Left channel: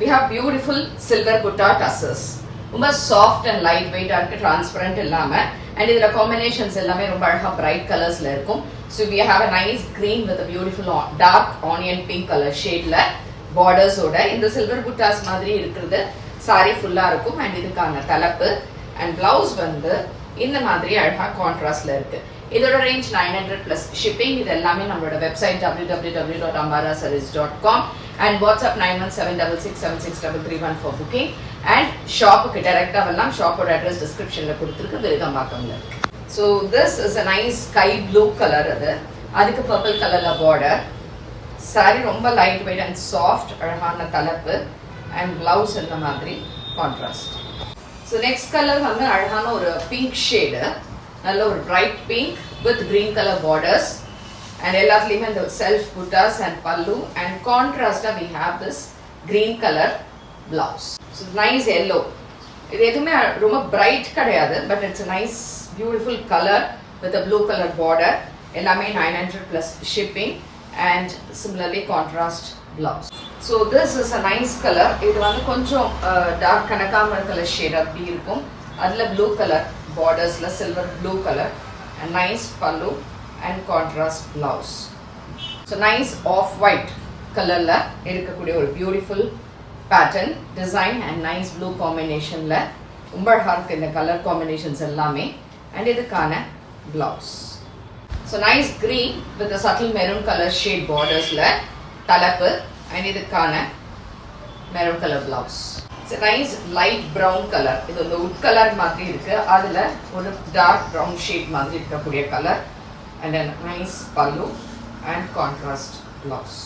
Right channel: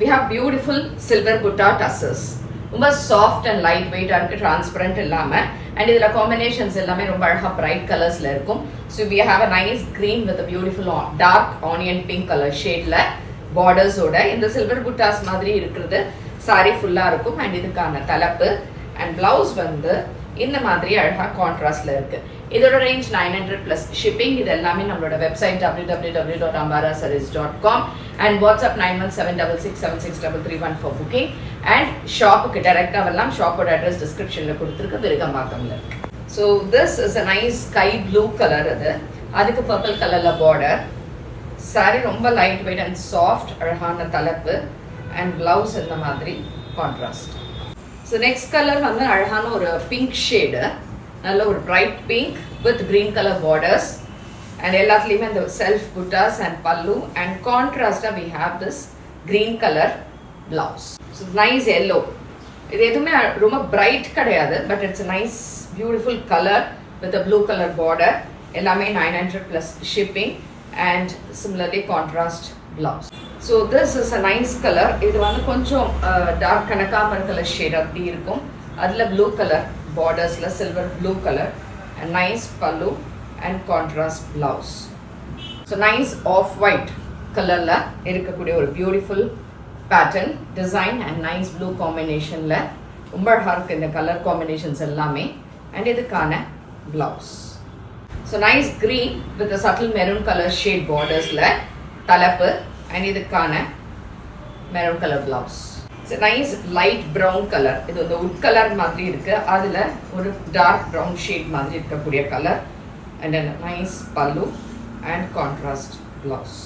we have beautiful silver butta tassels. ரொம்ப soft and light வெயிட்டா இருக்கு, டிரான்ஸ்பரண்ட் இல்லாம. அண்ட் இதுல காம்பினேஷன்ஸ் எல்லாமே ரொம்ப அழகா பிரைட் கலர்ஸ்ல இருக்கும். So we have a nice green with a beautiful dark onion pink color ஷேட்ல பார்டர்ஸோட இந்த சில்வர் புட்டாஸ் மாதிரி இருக்கிறது சாரி ஃபுல்லா இருக்கும். அண்ட் இதுக்கான தலைப்பு அண்ட் பிளவுஸ் வந்து இந்த மாதிரி அழகா கான்ட்ராஸ்ட்ல இருக்கு. இதோட ரேஞ்ச் 900 பிளஸ் ஷிப்பிங். இது எல்லாமே நம்மளோட website www.ambarasarees.com and WhatsApp 9176676331 for booking. And ஷாப்புக்கு டைரக்டா வரலாம். ஷாப்போட அட்ரஸ் டிஸ்கிரிப்ஷன்ல கொடுத்துருக்கு, விருகம்பாக்கம்ல இருக்கு. So this is a nice sky blue colour. அதுக்கு பர்பிள் கலர்ல பார்டர். சாரி ரொம்ப லைட் வெயிட் அண்ட் சாஃப்ட், அழகான தலைப்பு அண்ட் பிளவுஸ் இந்த மாதிரி கான்ட்ராஸ்ட். ஸோ நெக்ஸ்ட் கலர் வந்து அழகான ஒரு பிங்க் ஷேடு, நல்ல ஒரு bright pink with green colour borders and எல்லாத்துலேயுமே இந்த self buttas and pallu and கான்ட்ராஸ்டாக we have this green colour blouse. So nice yellow. இது எதுவுமே ரொம்ப பிரைட் கிடையாது, but it's nice beautiful colour with blue colour border. எல்லாமே 900 plus shipping and similarly contrast blouse. So this is a nice color. இது வந்து கொஞ்சம் dark கனகாம்பர colour shade அப்படி இருக்கும். அதுல blue color bordersல silver blue color and nice pallu and contrast blouse. So nice off white colorல இருக்கக்கூடிய ஒரு beautiful pattern design and nice blue combinationல ரொம்ப அழகா இருக்கு இந்த கலர் காம்பினேஷன்ஸ் எல்லாமே. and இதுக்கான blouse. So nice green with a subtle maroon color shade borders la தலைப்பு and இதுக்கான maroon color blouse. It's a nice light brown color. இது ஒரு wood color மாதிரி இருக்கு, அதுல ஒரு dark brown shade மாதிரி இருக்கக்கூடிய color and a nice pallu and contrast blouse.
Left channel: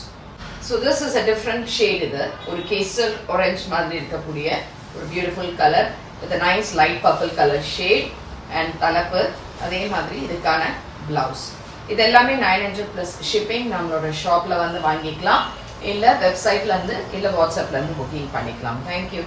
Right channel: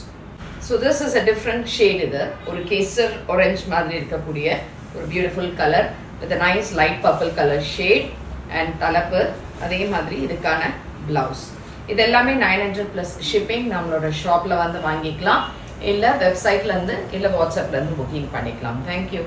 So this is a different shade. இது ஒரு கேசர் orange மாதிரி இருக்கக்கூடிய ஒரு beautiful color with a nice light purple color shade and தலைப்பு அதே மாதிரி இதுக்கான பிளவுஸ். இது எல்லாமே 900 பிளஸ் ஷிப்பிங். நம்மளோட ஷாப்ல வந்து வாங்கிக்கலாம், இல்ல வெப்சைட்ல இருந்து இல்ல வாட்ஸ்அப்ல இருந்து புக்கிங் பண்ணிக்கலாம். தேங்க்யூ.